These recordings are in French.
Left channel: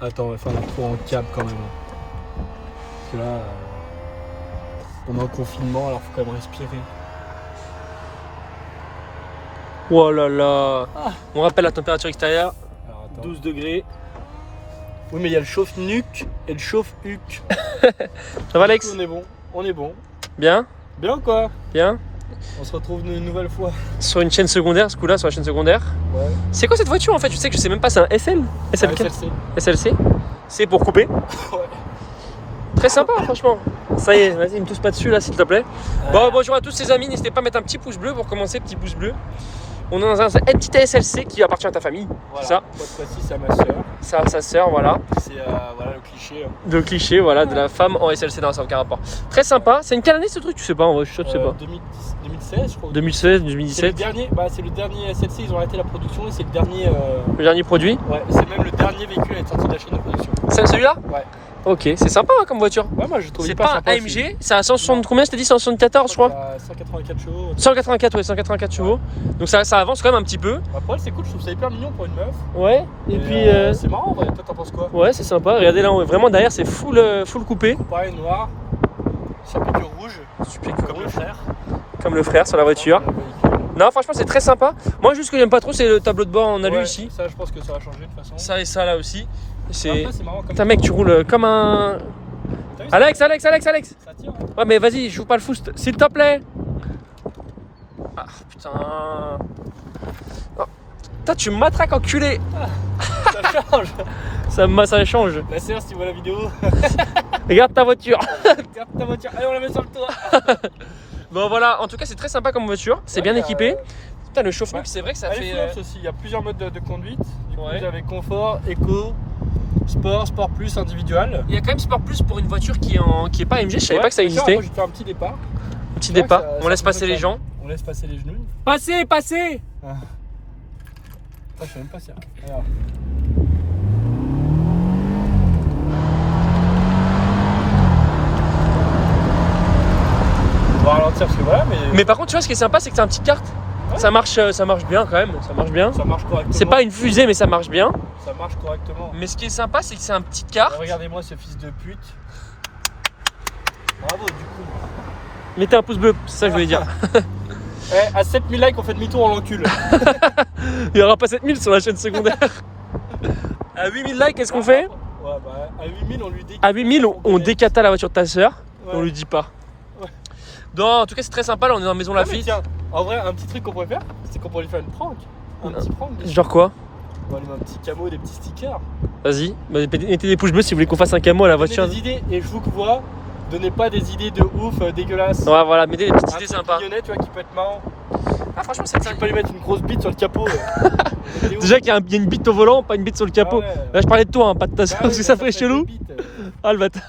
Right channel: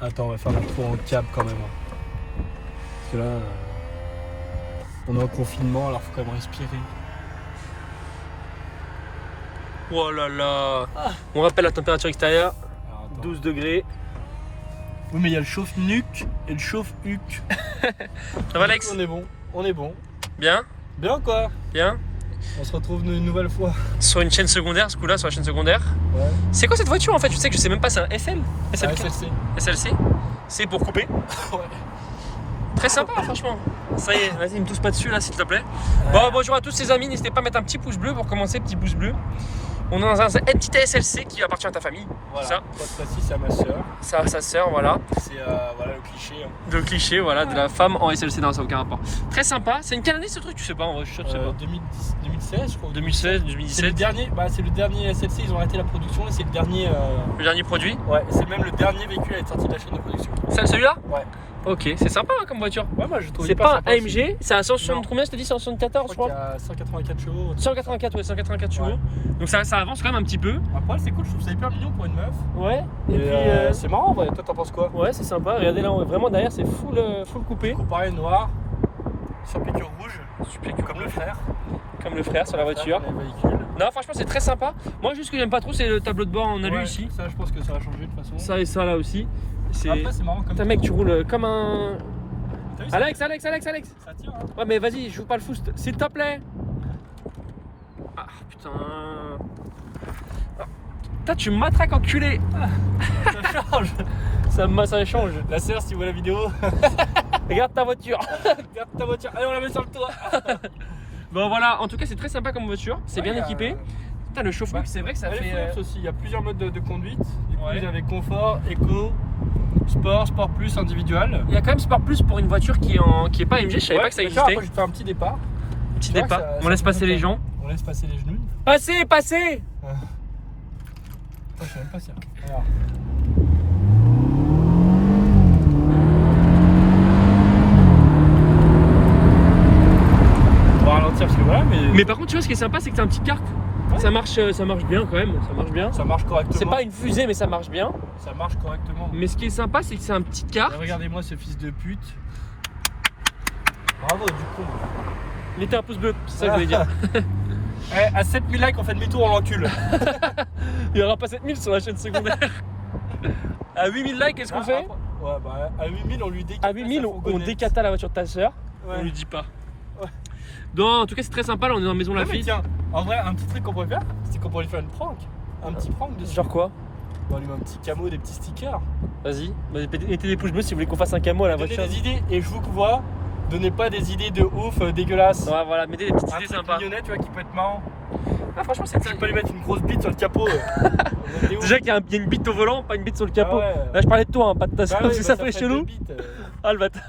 Attends, on va faire la tour en cab quand même. Parce que là, on est en confinement, alors faut quand même respirer. Oh là là. On rappelle la température extérieure, Alors, attends. 12 degrés. Oui, mais il y a le chauffe-nuque et le chauffe-huc. Ça va Alex? On est bon, on est bon. Bien? Bien quoi? Bien? On se retrouve une nouvelle fois. Sur une chaîne secondaire, ce coup-là, sur la chaîne secondaire. Ouais. C'est quoi cette voiture en fait? Je sais que je sais même pas, c'est un SL? SLK? SLC. SLC? C'est pour couper. Ouais. Très sympa franchement. Ça y est, vas-y, me touche pas dessus là s'il te plaît. Bon, bonjour à tous les amis, n'hésitez pas à mettre un petit pouce bleu pour commencer, petit pouce bleu. On est dans un petit SLC qui appartient à ta famille, Voilà. ça. Cette fois-ci, c'est à ma soeur. Ça, sa sœur, voilà. C'est voilà, le cliché. De cliché, voilà, de la femme en SLC, non, ça n'a aucun rapport. Très sympa. C'est une quelle année ce truc? Tu sais pas, en vrai, je suis sûr que c'est pas. 2016, je crois. 2016, C'est le 2017. dernier, c'est le dernier SLC, ils ont arrêté la production et c'est le dernier. Le dernier produit. Ouais, c'est même le dernier véhicule à être sorti de la chaîne de production. C'est celui-là? Ouais. Ok, c'est sympa hein, comme voiture. Ouais, moi je trouve. C'est pas un AMG, c'est à 160 combien? Je t'ai dit 174 je crois. 184 chevaux. 184, ouais, 184 chevaux. Donc ça avance quand même un petit peu. Après, c'est cool, je trouve ça hyper mignon pour une meuf. Ouais. Et puis. C'est marrant, en vrai. Toi, t'en penses quoi? Ouais, c'est sympa. Regardez là, vraiment derrière, c'est full coupé. Comparé noir, chapitre rouge, Super comme le frère. Comme le frère sur la voiture. Le véhicule. Non, franchement, c'est très sympa. Moi, juste ce que j'aime pas trop, c'est le tableau de bord en alu Ouais, ici. Ça, je pense que ça va changer de toute façon. Ça et ça là aussi. Après, c'est marrant comme Putain, mec, tu roules comme un. T'as vu, Alex! Ça tire, hein. Ouais, mais vas-y, joue pas le foot, s'il te plaît! Ah, putain! Oh. Putain, tu me matraques, enculé! Ça change. Ça change. La sœur, si tu vois la vidéo, Regarde ta voiture! regarde ta voiture. Allez, on la met sur le toit. Bon, voilà, en tout cas, c'est très sympa comme voiture. C'est bien équipé. Putain, le chauffe-nuque, ouais. c'est vrai que ça Elle est fait. flex aussi. Il y a plusieurs modes de conduite. Du coup, Ouais. vous avez confort, éco, sport, sport plus, individual. Il y a quand même Sport Plus pour une voiture qui est pas AMG, je savais pas que ça existait. Après, je vais faire un petit départ. Petit Ouais, départ, ça- on ça laisse fait passer deux les temps. gens. On laisse passer les genoux. Passez, passez! Ah, je sais même pas si. Alors. On va ralentir parce que voilà, Mais par contre, tu vois, ce qui est sympa, c'est que c'est un petit kart. Ça marche bien quand même, ça marche bien. ça marche correctement. C'est pas une fusée, mais ça marche bien. Ça marche correctement. Mais ce qui est sympa, c'est que c'est un petit kart. Regardez-moi ce fils de pute. Bravo, du coup. Mettez un pouce bleu, c'est ça que je voulais dire. À 7000 likes, on fait demi-tour, on l'encule. Il y aura pas 7000 sur la chaîne secondaire. À 8000 likes, qu'est-ce qu'on fait? Ouais, bah à 8000, on lui décate. À 8000, on décata la voiture de ta sœur. Ouais. On lui dit pas. Ouais. Non, en tout cas, c'est très sympa. Là, on est dans la maison Ah, mais Lafitte. tiens, en vrai, un petit truc qu'on pourrait faire, c'est qu'on pourrait lui faire une prank. Un petit prank dessus. Genre quoi? On lui met un petit camo, des petits stickers. Vas-y, mettez des pouces bleus si vous voulez qu'on fasse un camo à la Donnez voiture. des idées, et je vous vois, donnez pas des idées de ouf, dégueulasses. Ouais, voilà, mettez des petites Un idées truc sympas. mignonnet, tu vois, qui peut être marrant. Ah, franchement, c'est Tu peux lui mettre une grosse bite sur le capot. Déjà qu'il y a une bite au volant, pas une bite sur le capot. Ah ouais. Là, je parlais de toi, hein, pas de ta Bah sœur, ouais, parce que bah ça fait chelou. deux bites, Ah, le bâtard.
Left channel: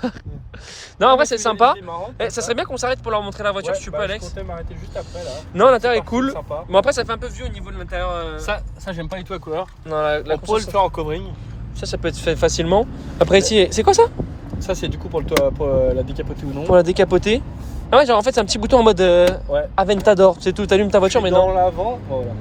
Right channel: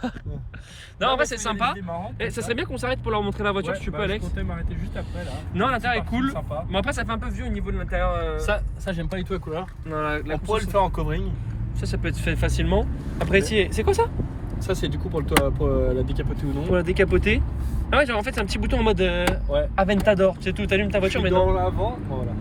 Non, en vrai, c'est sympa. Ça Ça serait bien qu'on s'arrête pour leur montrer la voiture, si tu peux, Alex. Je comptais m'arrêter juste après là. Non, l'intérieur est C'est cool. sympa. Bon, après, ça fait un peu vieux au niveau de l'intérieur. Ça j'aime pas du tout la couleur. Non, la On pourrait console, le faire en covering. ça peut être fait facilement. Après, ici, c'est quoi ça? Ça c'est du coup pour le toit, pour la décapoter ou non. Pour la décapoter. Ah ouais, genre en fait, c'est un petit bouton en mode Ouais. Aventador. C'est tout, t'allumes ta voiture, mais non. Dans l'avant, voilà.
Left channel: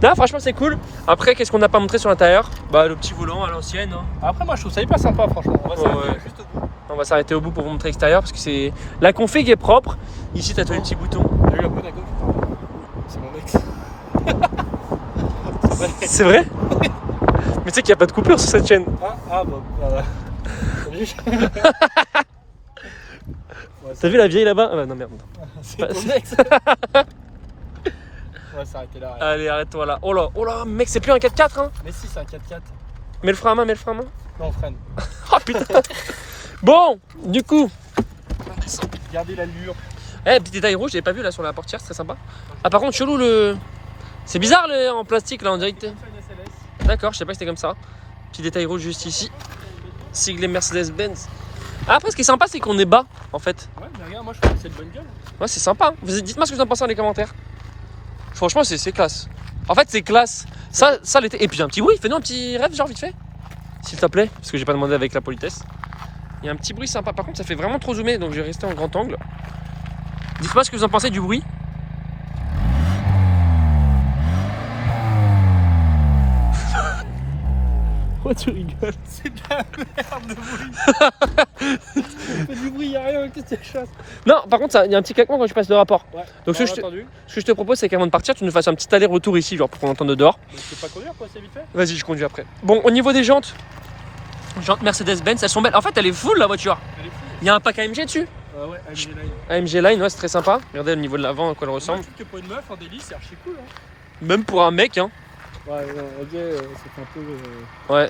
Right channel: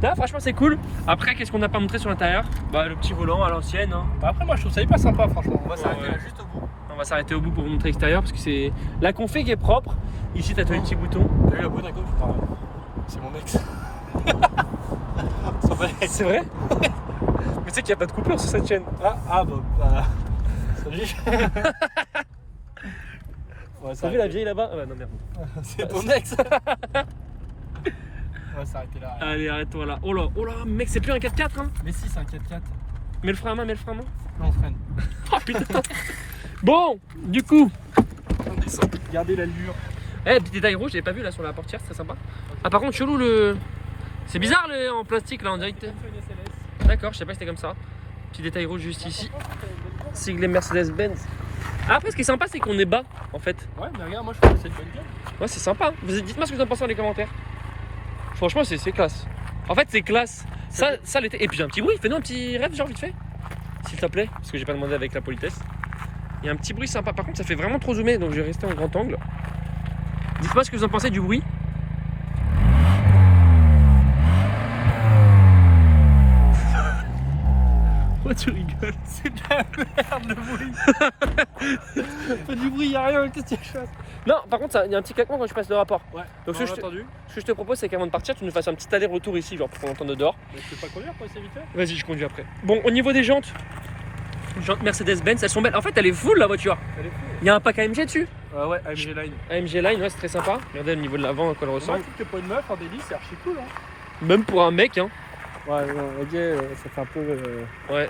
Non, franchement, c'est cool. Après, qu'est-ce qu'on n'a pas montré sur l'intérieur? Bah, le petit volant à l'ancienne. Hein. Après moi je trouve ça hyper sympa franchement. On va s'arrêter Ouais. là, juste au bout. On va s'arrêter au bout pour vous montrer l'extérieur parce que c'est. La config est propre. Ici, t'as tous les petits boutons. T'as vu la bonne à gauche? Pardon. C'est mon ex. Ça va être- C'est vrai? Mais tu sais qu'il n'y a pas de coupure sur cette chaîne. Ah bon. Salut. Ouais, T'as vu la vieille là-bas? Ah bah non, merde. C'est ton ex. On va s'arrêter là. Allez, arrête-toi là. Oh là, mec, c'est plus un 4x4, hein. Mais si, c'est un 4x4. Mets le frein à main, mets le frein à main. Non, on freine. Oh putain. Bon, du coup. Regardez l'allure. Eh, petit détail rouge, j'avais pas vu là sur la portière, c'est très sympa. Ah, par contre, chelou le. C'est bizarre en plastique là, en direct. D'accord, je sais pas que c'était comme ça. Petit détail rouge juste ici. Siglé Mercedes-Benz. Ah, après, ce qui est sympa, c'est qu'on est bas en fait. Ouais, mais regarde, moi je trouve que c'est une bonne gueule. Ouais, c'est sympa. Dites-moi ce que vous en pensez dans les commentaires. Franchement, c'est classe. En fait, c'est classe. Ça l'été. Et puis, un petit bruit. Fais-nous un petit rêve, genre, vite fait. S'il te plaît. Parce que j'ai pas demandé avec la politesse. Il y a un petit bruit sympa. Par contre, ça fait vraiment trop zoomé. Donc, je vais rester en grand angle. Dites-moi ce que vous en pensez du bruit. Pourquoi tu rigoles? C'est de la merde le bruit. Pas du bruit, y'a rien, qu'est-ce que tu cherches? Non, par contre, il y a un petit claquement quand tu passes le rapport. Ouais. Donc ce que je te propose, c'est qu'avant de partir, tu nous fasses un petit aller-retour ici, genre pour qu'on entende dehors. Mais je peux pas conduire, toi, c'est vite fait. Vas-y, je conduis après. Bon, au niveau des jantes, jantes Mercedes-Benz, elles sont belles. En fait, elle est full la voiture. Elle est fou. Il y a un pack AMG dessus. Ouais, AMG Line. AMG Line, ouais, c'est très sympa. Regardez le niveau de l'avant, à quoi elle ressemble. Je trouve que pour une meuf en délit, c'est archi cool. Hein. Même pour un mec, hein. Ouais, ok, ça fait un peu. Ouais.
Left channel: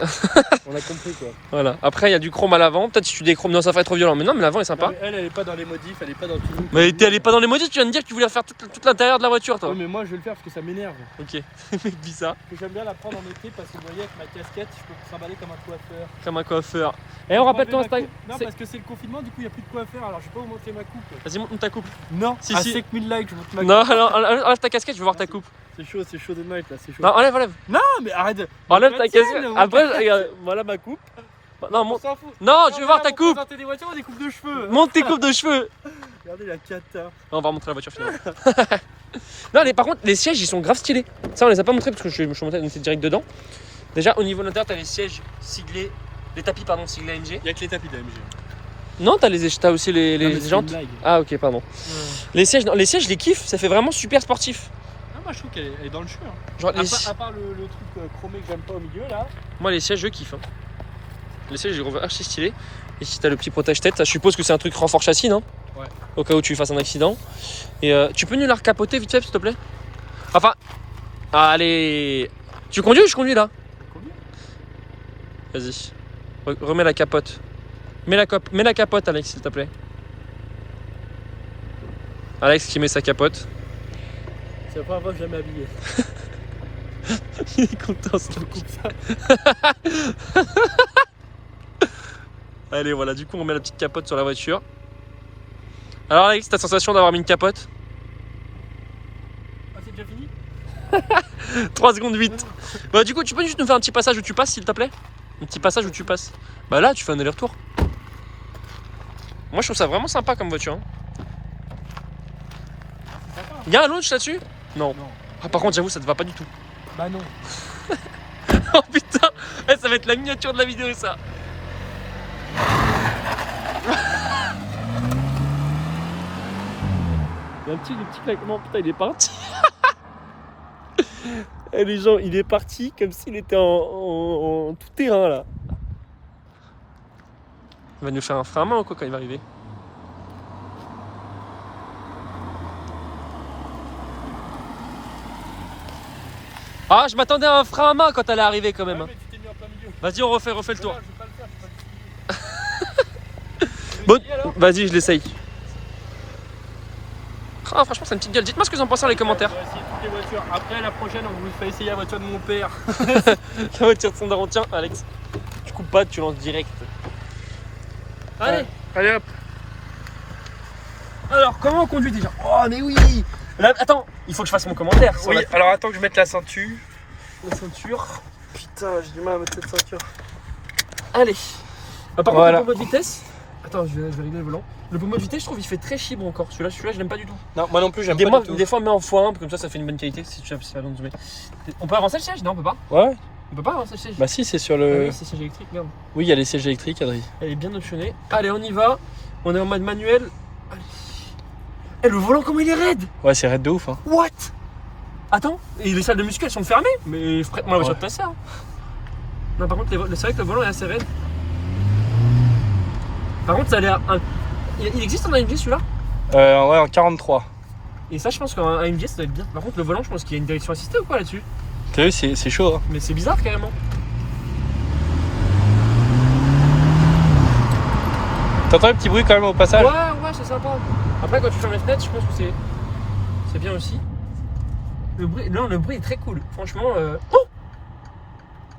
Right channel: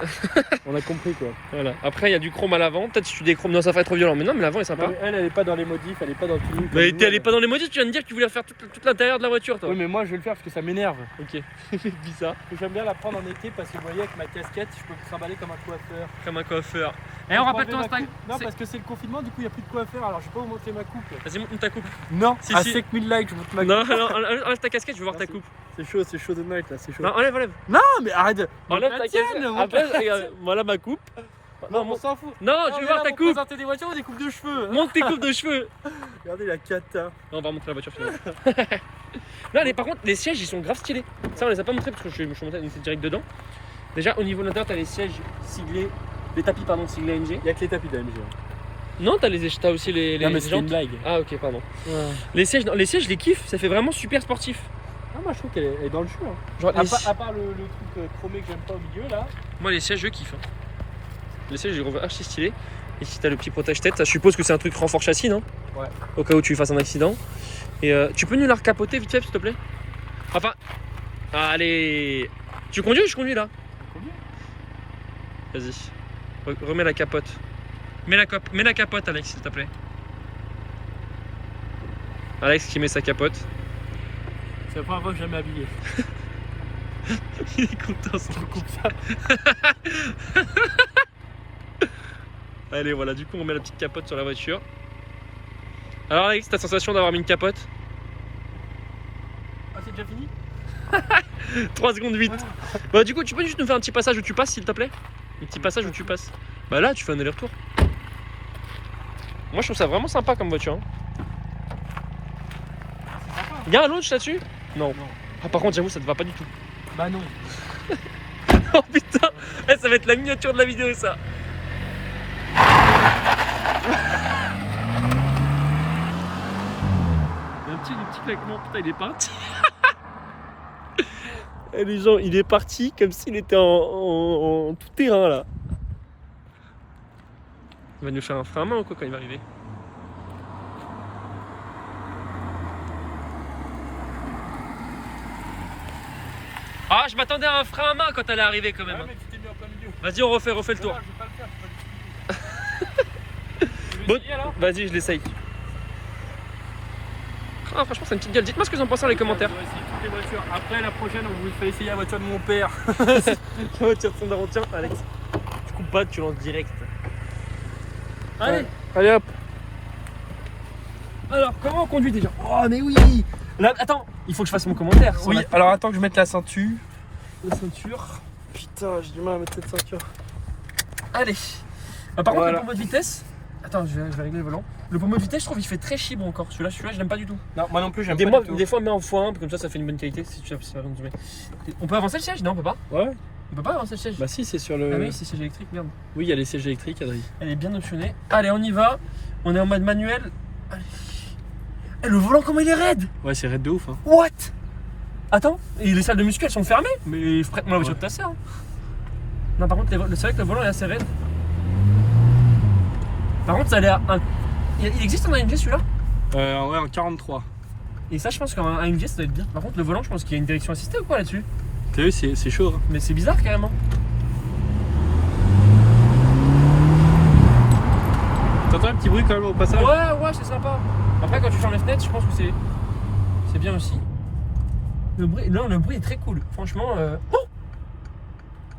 On a compris quoi. Voilà. Après, il y a du chrome à l'avant. Peut-être si tu déchromes, non, ça ferait trop violent. Mais non, mais l'avant est sympa. Non, mais elle est pas dans les modifs, elle est pas dans tout. Mais elle est pas dans les modifs, tu viens de dire que tu voulais faire toute l'intérieur de la voiture, toi. Oui, mais moi je vais le faire parce que ça m'énerve. Ok. Mec, dis ça. J'aime bien la prendre en été parce que vous voyez, avec ma casquette, je peux me trimballer comme un coiffeur. Comme un coiffeur. Et on rappelle ton Instagram. Non, parce que c'est le confinement, du coup, il n'y a plus de coiffeur, alors je vais pas vous montrer ma coupe. Vas-y, montre ta coupe. Non, Si, à si. 5000 likes, je montre ma coupe. Non, non, enlève ta casquette, je veux voir ta coupe. C'est chaud de night là, c'est chaud. Non, enlève. Non, mais arrête. Enlève Montre ta la tienne, casquette. montre Après, la- regarde, voilà ma coupe. Non, on s'en fout. non, je veux voir ta coupe. Présenter des voitures ou des coupes de cheveux. Montre tes coupes de cheveux. Regardez la cata. Non, on va montrer la voiture finalement. Non, par contre, les sièges ils sont grave stylés. Ça, on les a pas montrés parce que je suis monté direct dedans. Déjà, au niveau de l'intérieur, t'as les sièges siglés, les tapis, pardon, siglés AMG. Il y a que les tapis d'AMG. Non, t'as aussi les Non, mais c'est jantes. une blague. Ah, ok, pardon. Les sièges, non, les sièges, je les kiffe. Ça fait vraiment super sportif. Ah, moi je trouve qu'elle est dans le cheveu. Hein. Genre, À part le truc chromé que j'aime pas au milieu là. moi, les sièges, je kiffe. Hein. Les sièges, je les trouve archi stylés. Et si t'as le petit protège-tête, ça, je suppose que c'est un truc renfort châssis, non? Ouais. Au cas où tu fasses un accident. Et tu peux nous la recapoter vite fait, s'il te plaît? Enfin, allez. Tu conduis ou je conduis là? Vas-y. Remets la capote. Mets la capote, Alex, s'il te plaît. Alex qui met sa capote. C'est la première fois que je jamais habillé. Il est content, ça. Je coupe ça. Allez, voilà, du coup, on met la petite capote sur la voiture. Alors, Alex, ta sensation d'avoir mis une capote? Ah, c'est déjà fini? 3 secondes 8. Bah, du coup, tu peux juste nous faire un petit passage où tu passes, s'il te plaît? Un petit passage où tu passes. Bah, là, tu fais un aller-retour. Moi, je trouve ça vraiment sympa comme voiture. Hein. C'est sympa. Y'a un launch là-dessus? Non. Non. Ah, par contre, j'avoue, ça te va pas du tout. Bah non. Oh putain, ça va être la miniature de la vidéo, ça. Il y a un petit claquement, putain, il est parti. Et les gens, il est parti comme s'il était en tout terrain là. Il va nous faire un frein à main ou quoi quand il va arriver? Ah, je m'attendais à un frein à main quand elle est arrivée quand même. Ouais, mais tu t'es mis en plein milieu. Vas-y, on refait le tour. Voilà, je vais pas le faire, je vais pas le Bon, essayer, alors. vas-y, je l'essaye. Ah, franchement, c'est une petite gueule. Dites-moi ce que vous en pensez dans les commentaires. On va essayer toutes les voitures. Après, la prochaine, on vous fait essayer la voiture de mon père. La voiture de son daron. Tiens, Alex, tu coupes pas, tu lances direct. Allez. Allez hop. Alors, comment on conduit déjà? Oh, mais oui. Là, attends, il faut que je fasse mon commentaire. sur Oui, la- alors attends que je mette la ceinture. la ceinture. Putain, j'ai du mal à mettre cette ceinture. Allez. Par contre, Voilà. le pommeau de vitesse. Attends, je vais régler le volant. Le pommeau de vitesse, je trouve, il fait très chibre encore. Celui-là, je l'aime pas du tout. Non, moi non plus, j'aime pas du tout. Des fois, on met en x1, comme ça fait une bonne qualité. Si tu as besoin de zoomer. On peut avancer le siège? Non, on peut pas. Ouais. On peut pas avancer le siège. Bah si, c'est sur Ah le. oui, c'est siège électrique, merde. Oui, il y a les sièges électriques, Adrien. Elle est bien optionnée. Allez, on y va. On est en mode manuel. Allez. Eh, le volant, comment il est raide? Ouais, c'est raide de ouf, hein. What? Attends, et les salles de muscu elles sont fermées? Mais prête-moi la voiture Ouais. de ta sœur. Non, par contre, c'est vrai que le volant est assez raide. Par contre, ça a l'air. Il existe un AMG celui-là? Ouais, en 43. Et ça, je pense qu'un AMG ça doit être bien. Par contre, le volant, je pense qu'il y a une direction assistée ou quoi là-dessus? T'as vu, c'est chaud, hein. Mais c'est bizarre carrément. T'entends le petit bruit quand même au passage? Ouais, c'est sympa. Après, quand tu fermes les fenêtres, je pense que c'est bien aussi. Le bruit est très cool. Franchement. Oh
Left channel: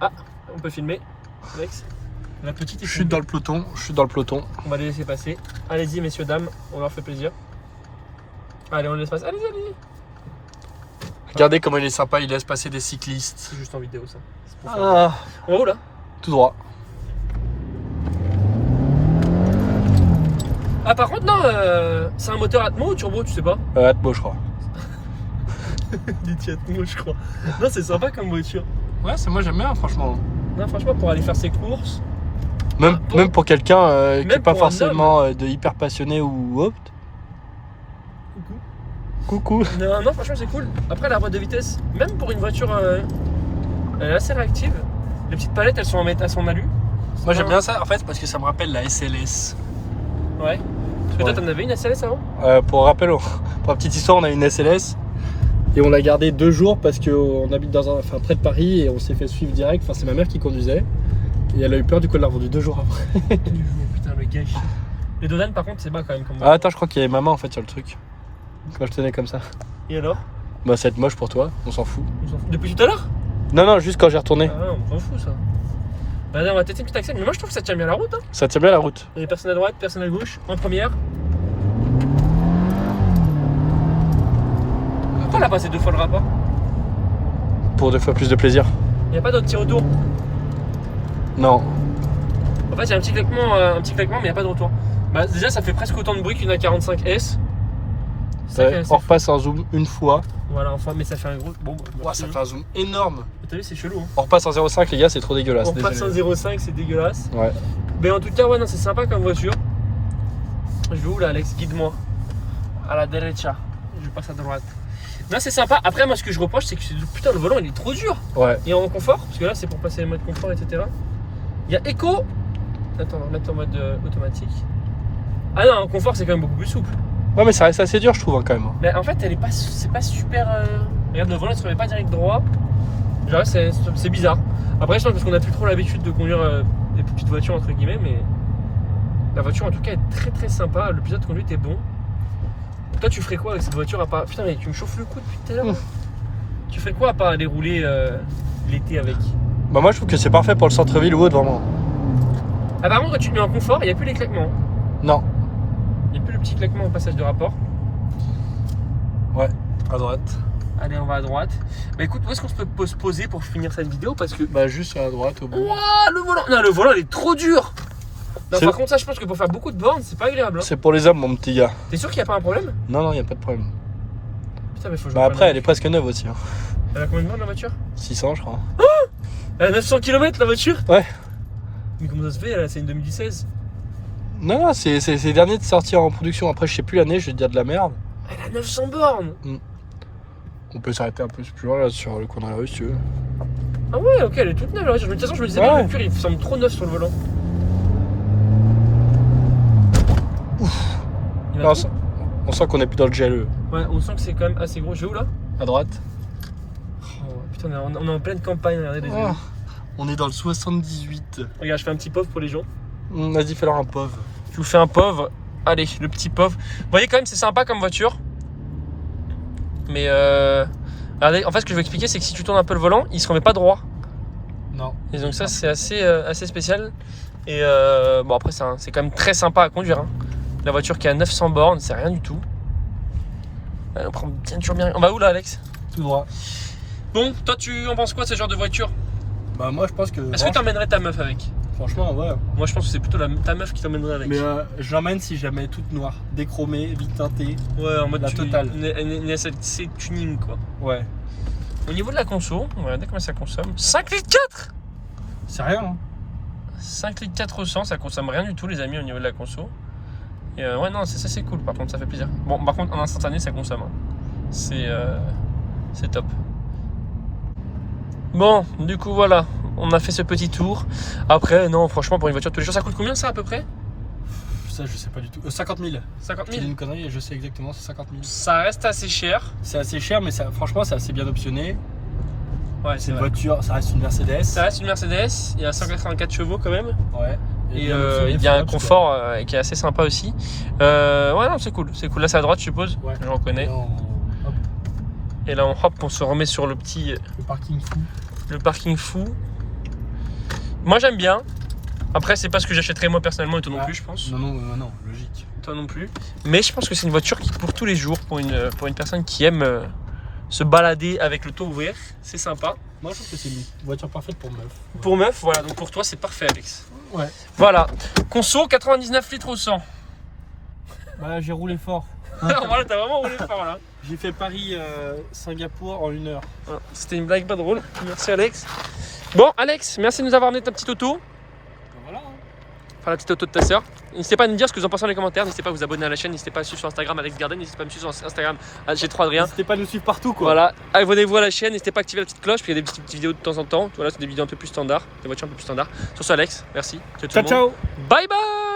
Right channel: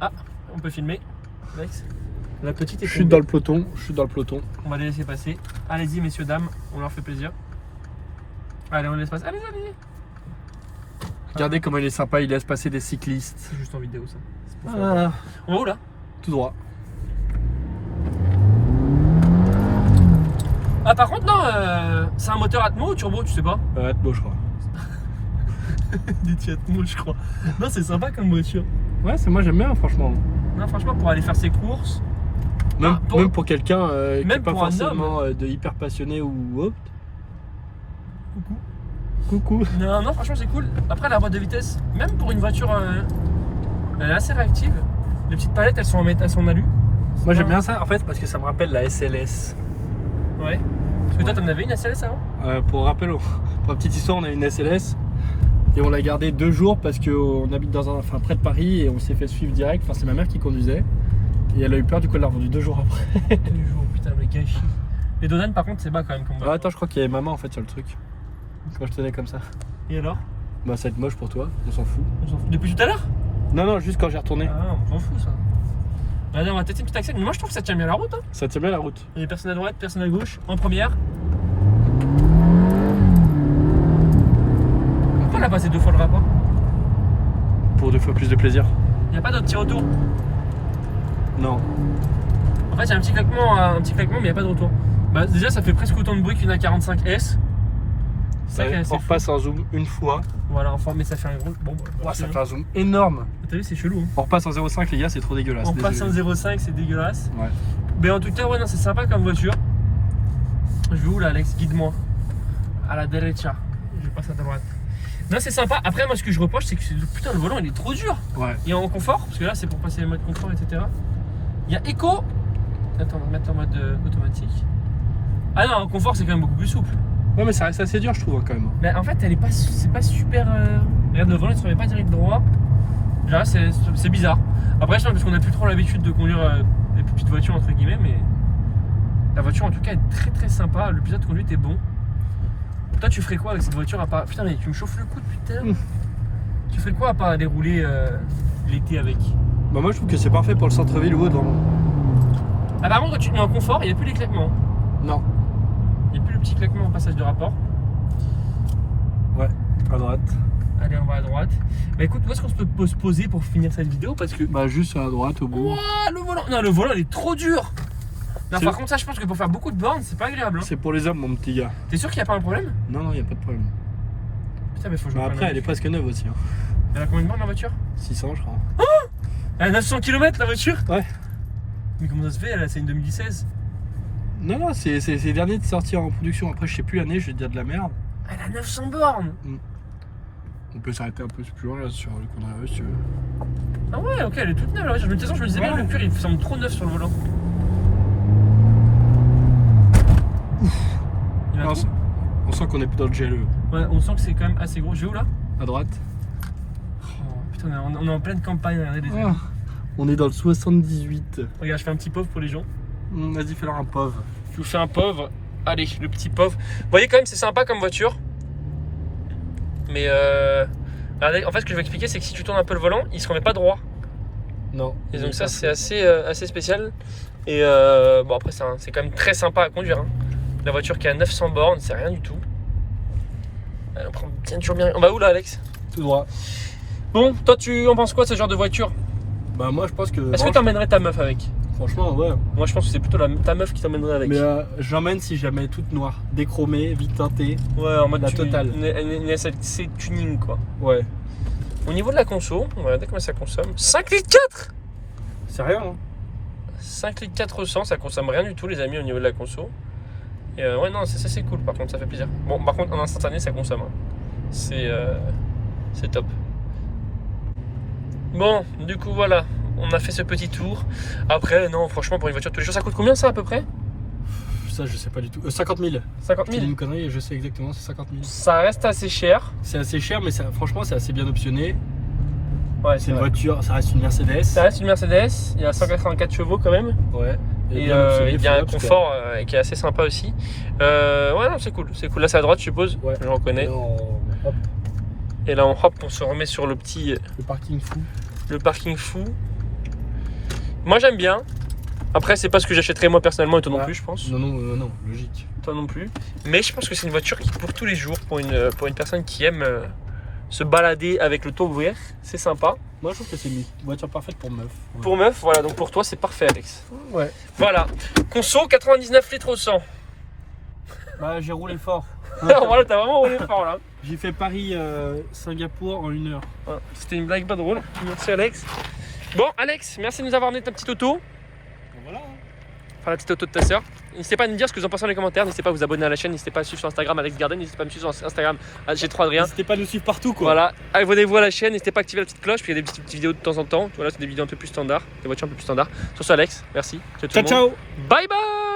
ah, on peut filmer. Alex. La petite est Je suis dans le peloton, On va les laisser passer. Allez-y, messieurs, dames, on leur fait plaisir. Allez, on les laisse passer. Allez-y. Regardez comment il est sympa, il laisse passer des cyclistes. C'est juste en vidéo, ça. Ah, On roule là? tout droit. Ah, par contre, non, c'est un moteur Atmo ou turbo, tu sais pas? Atmo, je crois. Des Atmo, je crois. Non, c'est sympa comme voiture. Ouais, c'est moi j'aime bien, franchement. Non, franchement, pour aller faire ses courses. Même pour quelqu'un qui Même n'est pas pour un forcément de hyper passionné ou autre. Coucou. Non, franchement, c'est cool. Après, la boîte de vitesse, même pour une voiture, elle est assez réactive. Les petites palettes, elles sont en alu. Moi j'aime bien ça en fait parce que ça me rappelle la SLS. Ouais. Parce que toi, Ouais. t'en avais une SLS avant? Pour rappel, pour la petite histoire, on a une SLS et on l'a gardée 2 jours parce qu'on habite près de Paris et on s'est fait suivre direct. Enfin, c'est ma mère qui conduisait et elle a eu peur, du coup elle l'a revendue 2 jours après. Putain, le gâchis. Les Dodan, par contre, c'est bas quand même. Comme Ah, attends, je crois qu'il y avait ma main en fait sur le truc. Quand je tenais comme ça. Et alors? Bah, ça va être moche pour toi, on s'en fout. On s'en fout. Depuis tout à l'heure? Non, juste quand j'ai retourné. Ah, on s'en fout ça. Bah, on va tester que tu acceptes. Mais moi, je trouve que ça tient bien la route. Hein. Ça tient bien la route. Il y a personne à droite, personne à gauche. En première. Pourquoi elle a passé 2 fois le rapport? Pour 2 fois plus de plaisir. Il n'y a pas d'autre petit retour. Non. En fait, il y a un petit claquement, mais il n'y a pas de retour. Bah, déjà, ça fait presque autant de bruit qu'une A45S. C'est ça qui est assez On fou. repasse en zoom une fois. Voilà, enfin, mais ça fait un gros. Bon, Ça fait un zoom énorme. T'as vu, c'est chelou. Hein. On repasse en 0,5 les gars, c'est trop dégueulasse. On passe en désolé. 0,5, c'est dégueulasse. Ouais. Mais en tout cas, ouais, non, c'est sympa comme voiture. Je vais où là, Alex? Guide-moi. À la derecha. Je passe à droite. Non, c'est sympa. Après, moi, ce que je reproche, c'est que putain, le volant, il est trop dur. Ouais. Et en confort, parce que là, c'est pour passer les modes confort, etc. Il y a éco. Attends, on va remettre en mode automatique. Ah non, en confort, c'est quand même beaucoup plus souple. Ouais, mais ça reste assez dur, je trouve, hein, quand même. Mais en fait, elle est pas, c'est pas super. Regarde, le volant, il se remet pas direct droit. Genre, c'est bizarre. Après, je pense parce qu'on a plus trop l'habitude de conduire des petites voitures, entre guillemets, mais la voiture, en tout cas, est très très sympa. Le pilote de conduite est bon. Toi, tu ferais quoi avec cette voiture à part. Putain, mais tu me chauffes le cou depuis tout à l'heure. Tu ferais quoi à part aller rouler l'été avec? Bah, moi, je trouve que c'est parfait pour le centre-ville ou autre, vraiment. Ah, par contre, quand tu te mets en confort, il n'y a plus les claquements. Non. Il n'y a plus le petit claquement au passage de rapport. Ouais, à droite. Allez, on va à droite. Bah écoute, où est-ce qu'on peut se poser pour finir cette vidéo? Parce que. Bah, juste à droite, au bout. Wouah, le volant! Non, le volant, il est trop dur! Non, C'est- par contre, ça, je pense que pour faire beaucoup de bornes, c'est pas agréable. Hein. C'est pour les hommes, mon petit gars. T'es sûr qu'il n'y a pas un problème? Non, y a pas de problème. Putain, mais faut que je Bah, reprenne après, la elle est presque neuve aussi. Hein. Elle a combien de bornes la voiture? 600, je crois. Elle a 900 km la voiture? Ouais. Mais comment ça se fait? C'est une 2016. Non, c'est les derniers de sortir en production. Après, je sais plus l'année, je vais te dire de la merde. Elle a 900 bornes! On peut s'arrêter un peu plus loin là sur le coin de la rue si tu veux. Ah ouais, ok, elle est toute neuve la voiture. De toute façon, je me disais, bien, Ouais. le cuir il semble trop neuf sur le volant. Il va Non, trop. on sent qu'on est plus dans le GLE. Ouais, on sent que c'est quand même assez gros. Je vais où là? À droite. Oh, putain, on est en pleine campagne, regardez les Ah, amis. on est dans le 78. Regarde, je fais un petit pauvre pour les gens. Vas-y, fais leur un pauvre. Je vous fais un pauvre. Allez, le petit pauvre. Vous voyez quand même, c'est sympa comme voiture. Mais regardez, en fait, ce que je vais expliquer, c'est que si tu tournes un peu le volant, il se remet pas droit. Non. Et donc ça, c'est assez spécial. Et bon, après, c'est quand même très sympa à conduire. Hein. La voiture qui a 900 bornes, c'est rien du tout. On prend bien toujours bien. On va où là, Alex? Tout droit. Bon, toi, tu en penses quoi de ce genre de voiture? Bah, moi, je pense que. Est-ce que t'emmènerais ta meuf avec? Franchement, ouais. Moi, je pense que c'est plutôt ta meuf qui t'emmènerait avec. Mais je l'emmène si je la mets toute noire. Déchromée, vite teintée. Ouais, en mode la totale. Une SLC tuning, quoi. Ouais. Au niveau de la conso, on va regarder combien ça consomme. 5 litres 4! C'est rien. Hein. 5 litres 400, ça consomme rien du tout, les amis, au niveau de la conso. Et ouais, non, ça c'est cool, par contre, ça fait plaisir. Bon, par contre, en instantané, ça consomme. Hein. C'est top. Bon, du coup, voilà, on a fait ce petit tour. Après, non, franchement, pour une voiture de tous les jours, ça coûte combien ça à peu près? Ça, je sais pas du tout. 50 000. 50 Je te 000. dis une connerie et je sais exactement, c'est 50 000. Ça reste assez cher. C'est assez cher, mais franchement, c'est assez bien optionné. Ouais, C'est une voiture, ça reste une Mercedes. Ça reste une Mercedes, il y a 184 chevaux quand même. Ouais. Et bien optionné, il y a un Philips, quoi. confort qui est assez sympa aussi. Ouais, non, c'est cool. C'est cool. Là, c'est à droite, je suppose. Ouais. Je reconnais. Non, hop, Et là, hop, on se remet sur le petit. le parking fou. Le parking fou. Moi j'aime bien. Après c'est pas ce que j'achèterais moi personnellement et toi non Ouais. plus je pense. Non, logique. Toi non plus. Mais je pense que c'est une voiture qui pour tous les jours, pour une personne qui aime se balader avec le toit ouvert, c'est sympa. Moi, je trouve que c'est une voiture parfaite pour meuf. Pour meuf, voilà, donc pour toi c'est parfait Alex. Ouais. Voilà. Conso 99 litres au 100. Ouais, j'ai roulé fort. Voilà, t'as vraiment roulé fort là. J'ai fait Paris-Singapour en 1 heure. Voilà. C'était une blague pas drôle. Merci Alex. Bon, Alex, merci de nous avoir donné ta petite auto. Voilà. Enfin, la petite auto de ta sœur. N'hésitez pas à nous dire ce que vous en pensez dans les commentaires. N'hésitez pas à vous abonner à la chaîne. N'hésitez pas à suivre sur Instagram Alex Garden. N'hésitez pas à me suivre sur Instagram G3 Adrien. N'hésitez pas à nous suivre partout quoi. Voilà, abonnez-vous à la chaîne. N'hésitez pas à activer la petite cloche. Puis il y a des petites vidéos de temps en temps. Voilà, c'est des vidéos un peu plus standards. Des voitures un peu plus standards. Sur ça, Alex, merci. Ciao ciao. Bye bye.